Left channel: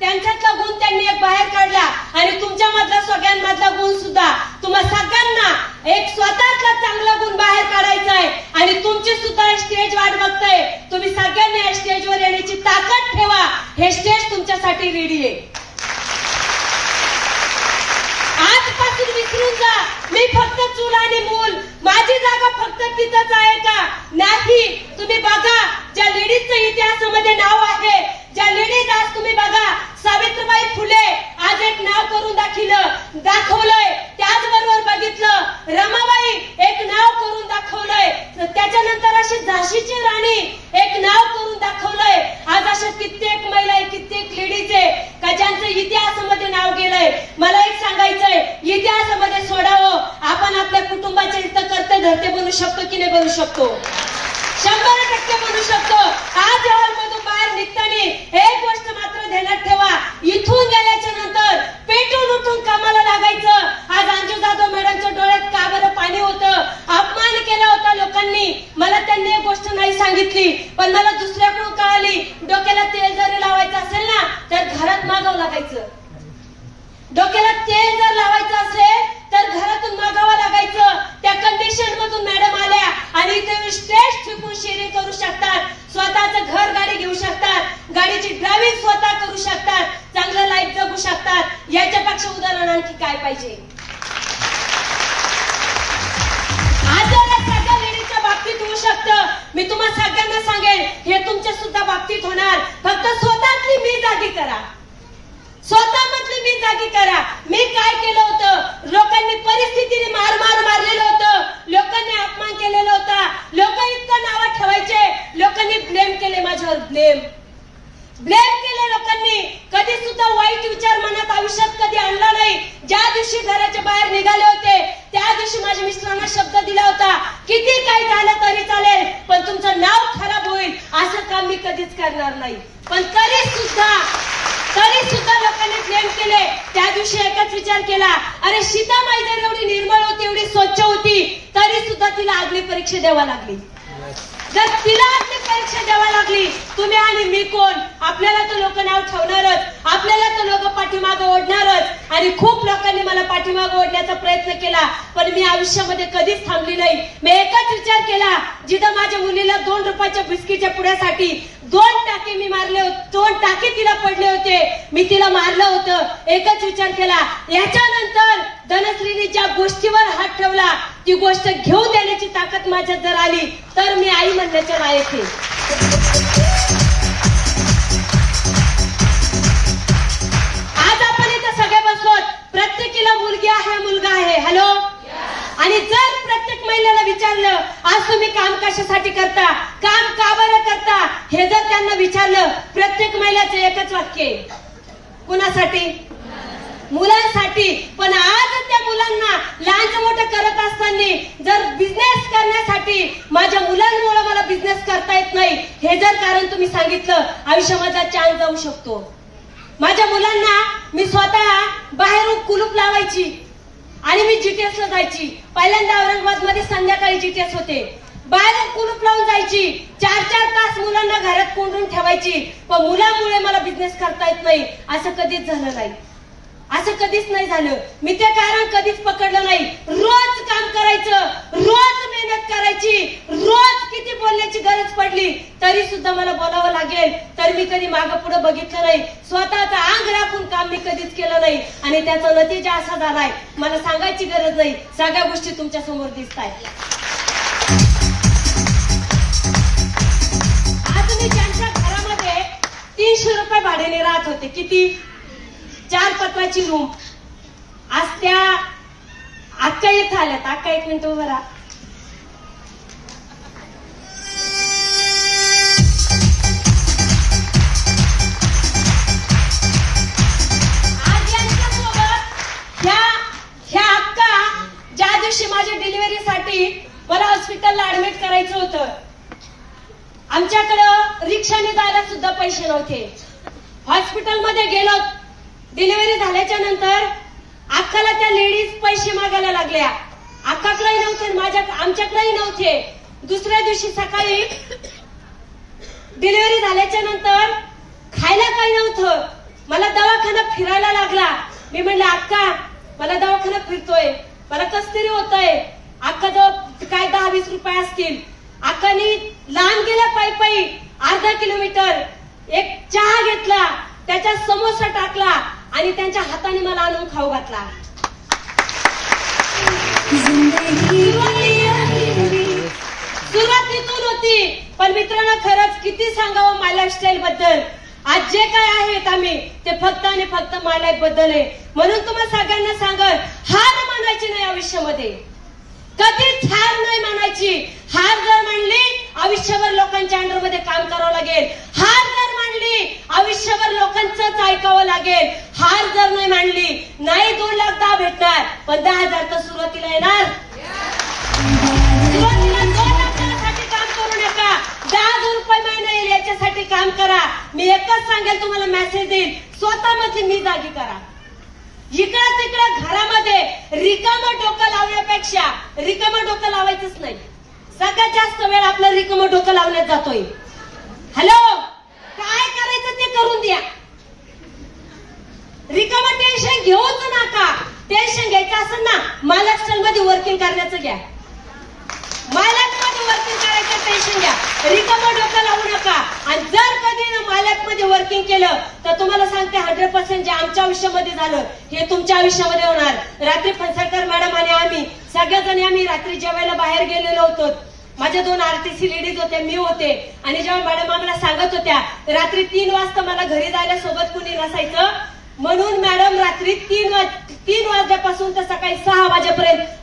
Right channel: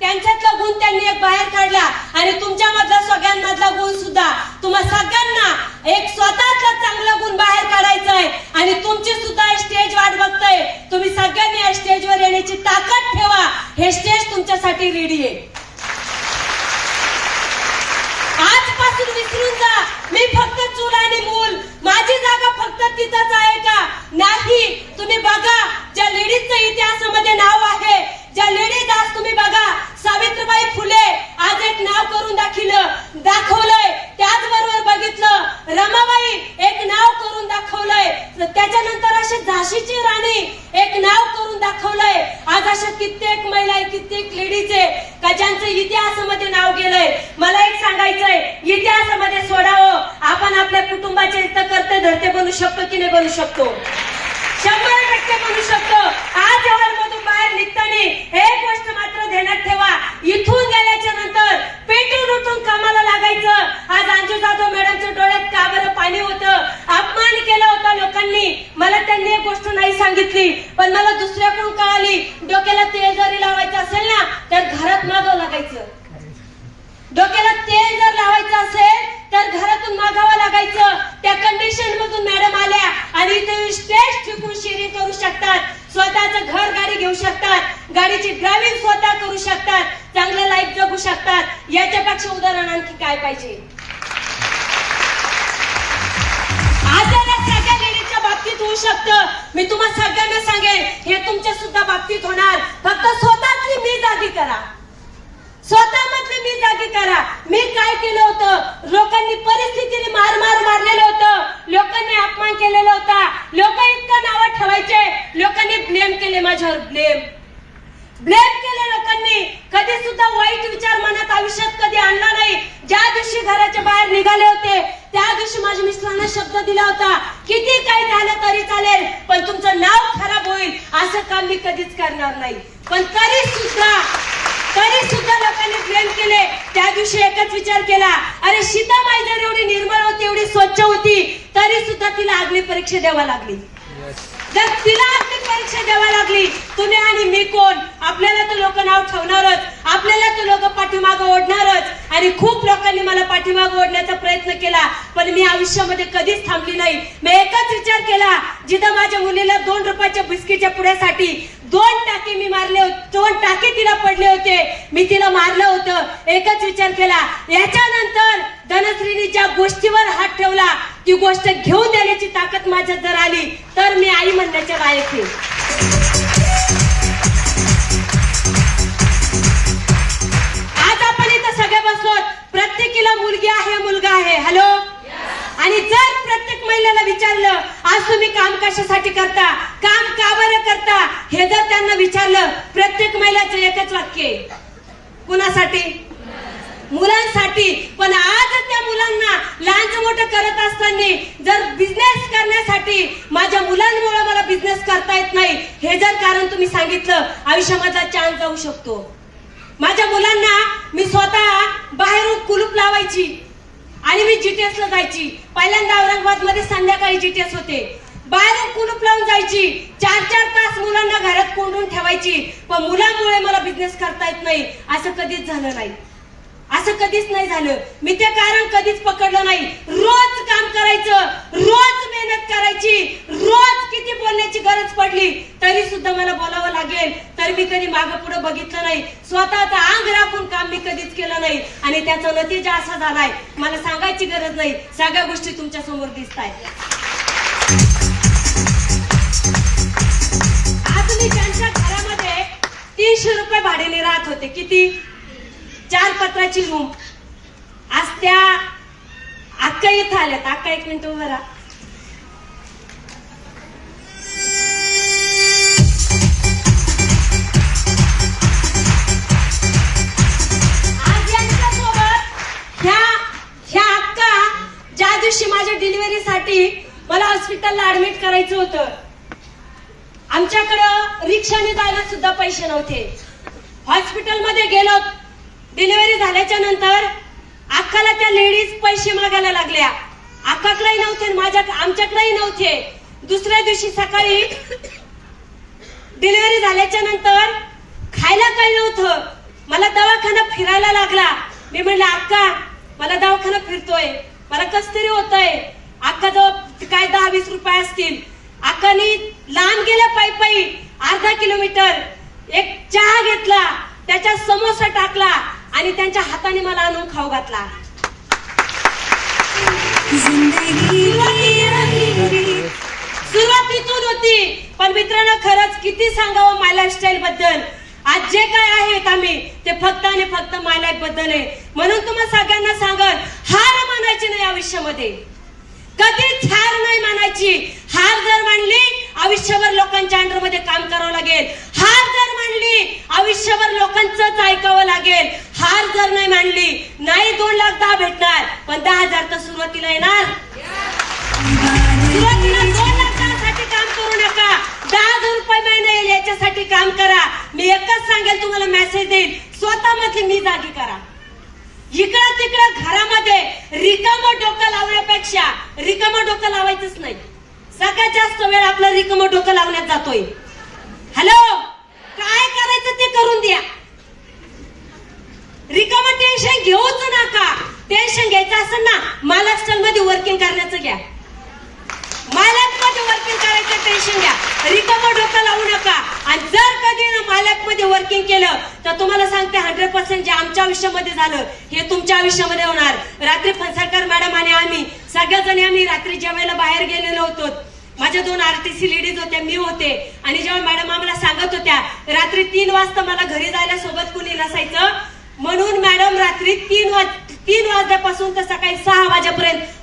त्यांच्यातला गुण त्यांनी एक बाहेर काढला आणि तुमच्यामधला सगळ्यांमधला गुण सुद्धा तुम्हा सगळ्यांना एक स्वतःतला चांगला गुण बाहेर काढायचा आहे आणि तुमची सुद्धा स्टेज वाट बघताय. तुम्ही सगळ्यांनी या स्टेजवर येण्याची ताकद ठेवा. हे स्टेज तुमच्यासाठी रेडी आहे. आजपासून विसरून जा मी फक्त चूल आणि मूल, माझी जागा फक्त तिथंच आहे का? नाही. तुम्ही बघा ज्या लेडीजचं इतिहासामध्ये नाव आहे, ज्या लेडीज आज तुम्ही बघा सावित्रीबाई फुले आज एक नाव करून दाखवलंय. त्याचबरोबर बघितलं रमाबाई एक नाव करून दाखवलंय. त्याच्यानंतर अशी झाशीची राणी एक नाव करून दाखवलंय. आज अशा कित्येक महिला कित्येक लेडीज आहे का ज्यांचं इतिहासामध्ये नाव गेलंय. मला एक सांगायचंय, इतिहासामध्ये सोडावं आपण आपल्या कुटुंबाचे इथं करते धरते बनू शकतो की नाही बनू शकतो? 100% बनू शकतो. आज हॉलमधून बाहेर निघताना एक गोष्ट मात्र ध्यानात ठेवा, इथून गेल्याच्या नंतर पेटून उठून कामाला लागायचं. आज अंजू जाधव मॅडमच्या डोळ्यात का बरं पाणी होतं? अपमान केला होता लोकांनी. मला त्यांनी एक गोष्ट नाही सांगितली पण मला दुसऱ्याकडून कळाली. डोक्याला तेल जरी लावायचं असेल ना तर घरात मागावं लागायचं. डोक्याला तेल जर लावायचं असेल तर घरातून मागावं लागायचं. त्या कंडिशन मधून मॅडम आल्या आणि इथे स्टेज ठिकून शेअरिंग करू शकतात, स्वतःचं घर गाडी घेऊ शकतात, गाडीची ड्रायव्हिंग स्वतः करू शकतात, चांगलं लाईफ जगू शकतात. याच्यापेक्षा उदाहरण आणखी काय पाहिजे? आज सगळ्या लेडीजच्या बाबतीत होऊ शकतं. मी तुम्हाला सगळ्यांना सांगेन हे तुमच्या सुद्धा बाबतीत होणार. फक्त स्वतःतली मी जागी करा, स्वतःमधली मी जागी करा. मी काय केलं होतं? लोकांनी परिस्थितीने मारलेलं होतं, लोकांनी अपमान केलेला होता, लोक इतकं नावं ठेवायचे, लोकांनी ब्लेम केले माझ्यावर. ब्लेम केले लोकांनी. कधी सुद्धा वाईट विचार मनात आयुष्यात कधी आणला नाही. ज्या दिवशी घराच्या बाहेर निघाले होते त्या दिवशी माझ्या मिस्टरांना शब्द दिला होता, किती काही झालं तरी चालेल पण तुमचं नाव खराब होईल असं काम मी कधीच करणार नाही. पण तरी सुद्धा लोकांनी ब्लेम केले. त्या दिवशी एकच विचार केला, अरे सीतामाई जर एवढी निर्मळ होती, एवढी स्वच्छ होती, तरी सुद्धा तिला अग्निपरीक्षा द्यावा लागली. जर तिला अग्निपरीक्षा द्यावा लागली, तुम्ही आणि मी कोण? आपल्याला तर लोक नाव ठेवणारच, आपल्याला तर लोक पाठीमागं ओढणारच. आणि खूप लोकांनी मला पाठीमागं ओढण्याचा प्रयत्न केला पण मी आयुष्यामध्ये कधीच थांबली नाही. मी एकच विचार केला, जिथं माझ्या मुलीला 2 रुपयाच्या बिस्किटच्या पुड्यासाठी 2 टाके मी मारले होते, 2 टाके तिला पडले होते, मी तिला मारलं होतं. एकच विचार केला, याच्यानंतर धनश्रीने ज्या गोष्टीवर हात ठेवला ती गोष्ट घेऊन देण्याची ताकद माझ्यात जर आली तर मी आई म्हणण्याच्या लायक आहे. आज आपण इथं सगळे बसलोत, प्रत्येकीला मुलगी आहे मुलगा आहे. हॅलो. आणि जर प्रत्येक महिलेला विचारलं आज तुम्ही काम कशासाठी करता, काम का बरं करता, हे जर त्यांना विचारलं, प्रत्येक महिलाचं एकच वाक्य आहे, कुणासाठी? मुलांसाठी. पण आज त्या मुलांना लहानचं मोठं करत असताना जर बिझनेस करण्यासाठी माझ्या मुलांमुळे मला बिझनेस करता येत नाही हे जर कारण तुम्ही सांगितलं, आयुष्यामधला चान्स जाऊ शकतो. माझ्या मुलांना मी स्वतः बाहेरून कुलूप लावायची आणि मी जीटीएसला जायची. पहिल्यांदा औरंगाबाद मध्ये संध्याकाळी जीटीएस होते. बाहेरून कुलूप लावून जायची, 4-4 तास मुलांना घरात कोंडून ठेवायची. पण मुलांमुळे मला बिझनेस करता येत नाही असं कधीच झालं नाही, असं कधीच नाही झालं. मी ते कारण कधीच पकडलं नाही. रोज काम करायचं, रोज मेहनत करायची, रोज किती बोलण्याची गरज पडली तरी सुद्धा मला बोलावं लागेल तर मी कधी मागं पुढे बघितलं नाही. स्वतःचं अंग राखून काम मी कधीच केलं नाही आणि त्याचा नतीजा असा झालाय, मला सांगायची गरज नाही, सगळ्या गोष्टी तुमच्या समोर दिसतायत. आज मी त्यांच्या घरामध्ये 300 रुपये भाड्याने राहत होते. किती? 4 पत्राची रूम. आज त्या अक्का इथं आल्यात. अक्का 1 मिनिट उभं राहा. आज यांच्यासोबत ह्या अक्का ज्या दिवशी माझ्या डिलिव्हरीसाठी मला हॉस्पिटलला ऍडमिट करायचं होतं, आमच्याकडं रिक्षाने जायला सुद्धा पैसे नव्हते. हॉस्पिटलमध्ये गेलो, डिलिव्हरी झाल्याच्या नंतर अक्काला त्या लेडीज पैसे मागायला लागल्या. अक्काकडेही नव्हते, आमच्याकडेही नव्हते. दुसऱ्या दिवशी सकाळी डिलिव्हरी झाल्याच्या नंतर खायला काही नव्हतं. मला दवाखाना फिरायला लागला. मी म्हणले अक्का मला दवाखाना फिरतोय, मला कस तरी होतंय. अक्का जवळ काय 10-20 रुपये असतील. अक्कानी लांब गेल्या पायी अर्धा किलोमीटर एक चहा घेतला, त्याच्यात समोसा टाकला आणि त्यांच्या हाताने मला आणून खाऊ घातला. सुरुवात तिथून होती. पण मित्रांनो खरंच किती सांगावं माय लाईफस्टाईल बद्दल. आज जे काय आहेत आम्ही ते फक्त आणि फक्त माय लाईफ बद्दल आहे. म्हणून तुम्हाला सगळ्यांना सांगत, हार मानायची नाही आयुष्यामध्ये, कधीच हार नाही मानायची. हार जर मानली आयुष्यभर लोकांच्या अंडरमध्ये काम करावं लागेल. हार जर मानली आयुष्यभर लोकांचंच ऐकावं लागेल. हार जर नाही मानली नाही 2 लाख 10 भेटणार, पण 10,000 तर सुरुवातीला येणार. सुरुवातीला 2 लाख 10 साठी काम करू नका, 10,000 रुपये महिना येईल याच्यासाठी काम करा. मी एकच सांगेल तुम्हाला, मेसेज देईल, स्वतः मधली मी जागी करा. इकडं तिकडं घरामध्ये रिकामं डोकं लावण्यापेक्षा रिकामं डोकं लावायचंच नाही. सगळ्यात जास्त वेळ आपलं रिकामं डोकं लावण्यात जातोय. हॅलो, काय करायचं ते करून द्या. रिकामं टेन्शन घेऊच नका. टेन्शन घ्यायचं असेल ना महाराष्ट्र मध्ये वर्किंग करण्याचं घ्या. मालकमध्ये वर्किंग करायचं टेन्शन घ्या, रिकामं डोकं लावू नका. आणि जर कधी मालकमध्ये वर्किंग केलं तर तुम्हाला सांगते 100% जे आमच्या आयुष्यामध्ये झालं हे तुमच्या आयुष्यामध्ये होणार. रात्री फणसळकर मॅडम आणि आम्ही सगळेजण आम्ही रात्री जेवायला बाहेर गेलेलो होतो. माझ्या 2 RTC लेडीज होत्या, मी होते. आणि जेव्हा मॅडम आम्हाला सांगत होत्या रात्री 3 वाजता मला घरी जायला सोबत कुणी नसायचं, म्हणून मॅडम रात्री 3 वाजल्यापासून तर सकाळी 6 वाजेपर्यंत